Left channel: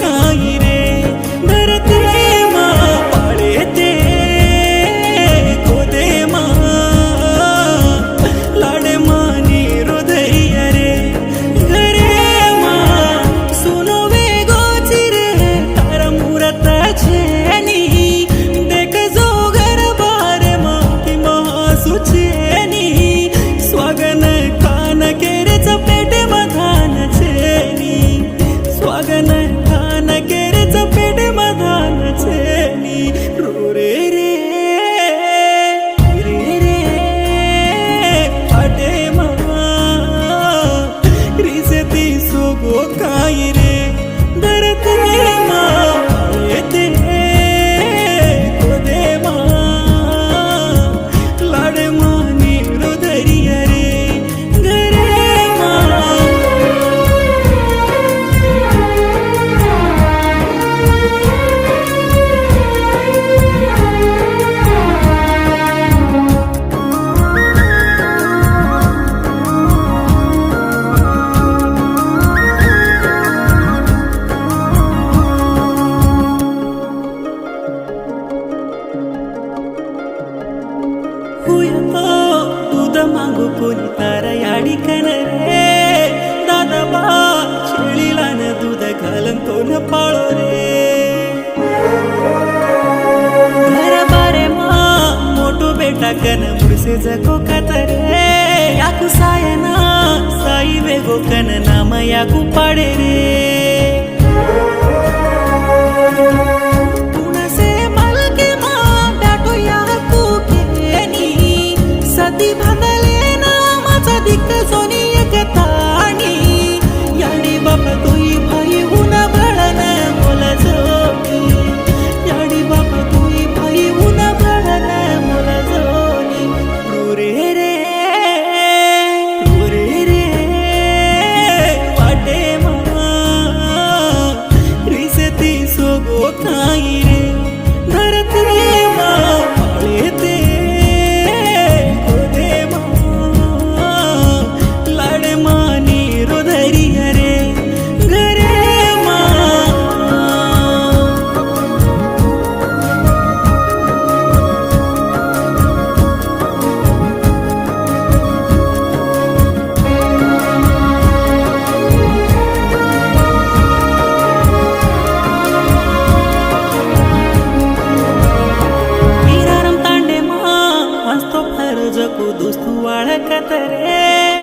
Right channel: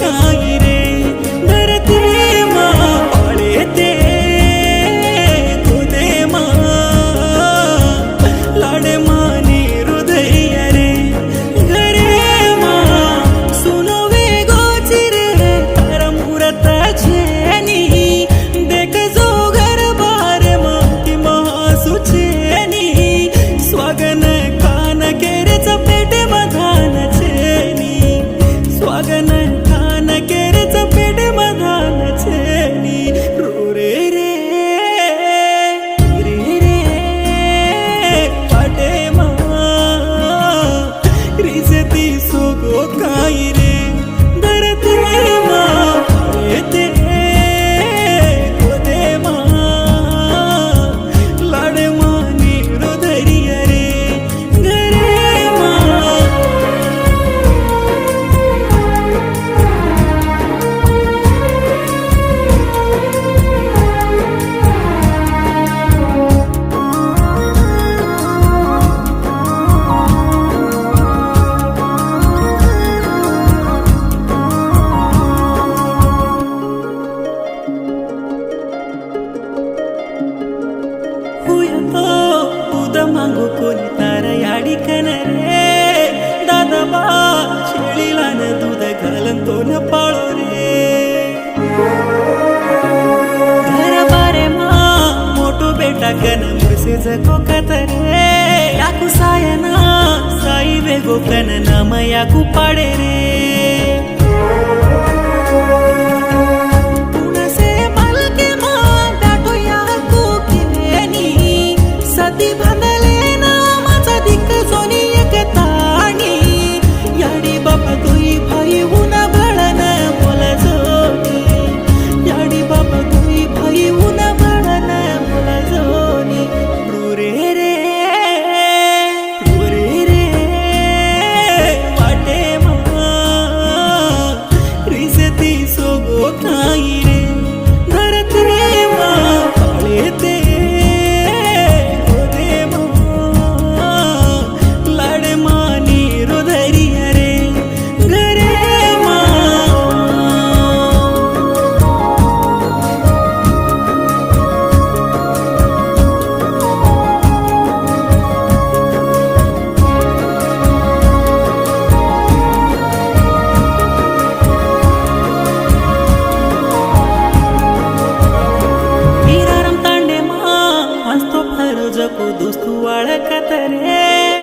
काई रे धरती माँ पाळे ते गोदे माँ लाडे मानी हृदय रे घरे माँ सुनो वे गोचिरे तारा मूरत छेनी देख जो घर बार माँ की महासुचेनी स्वागन खान केरे चपेट मधान छेनी स्वागन खान केरे चपेट मधान छेनी रे रे रे रे पाटे माँ रिसती सोगो काई रे धरती माँ पाळे ते गोदे माँ लाडे मानी हृदय रे घरे माँ दूध मागू कोणी तारा याडी कन रे दादा बा शेळीला न दूध घालन तो न पाळो रे घर बारे मा मोठो बेटा कन मुरसे जको कतरे याकू सायना साई वेगो कन नाम याकू पाडे रे सती भांडले नामाचा दिक्क सोनी एक ताणी याडी बापा तुई भाई उना भळन मोल जोनी याडी बापा तुई भाई उना भळन मोल जोनी रे रे रे वाटे मा रिसती सोगो काई रे धरती मा पाळे ते रे घरे माँ वीरारम तांडे माँ हंसतो फरजको दोस्तू वाळकत रे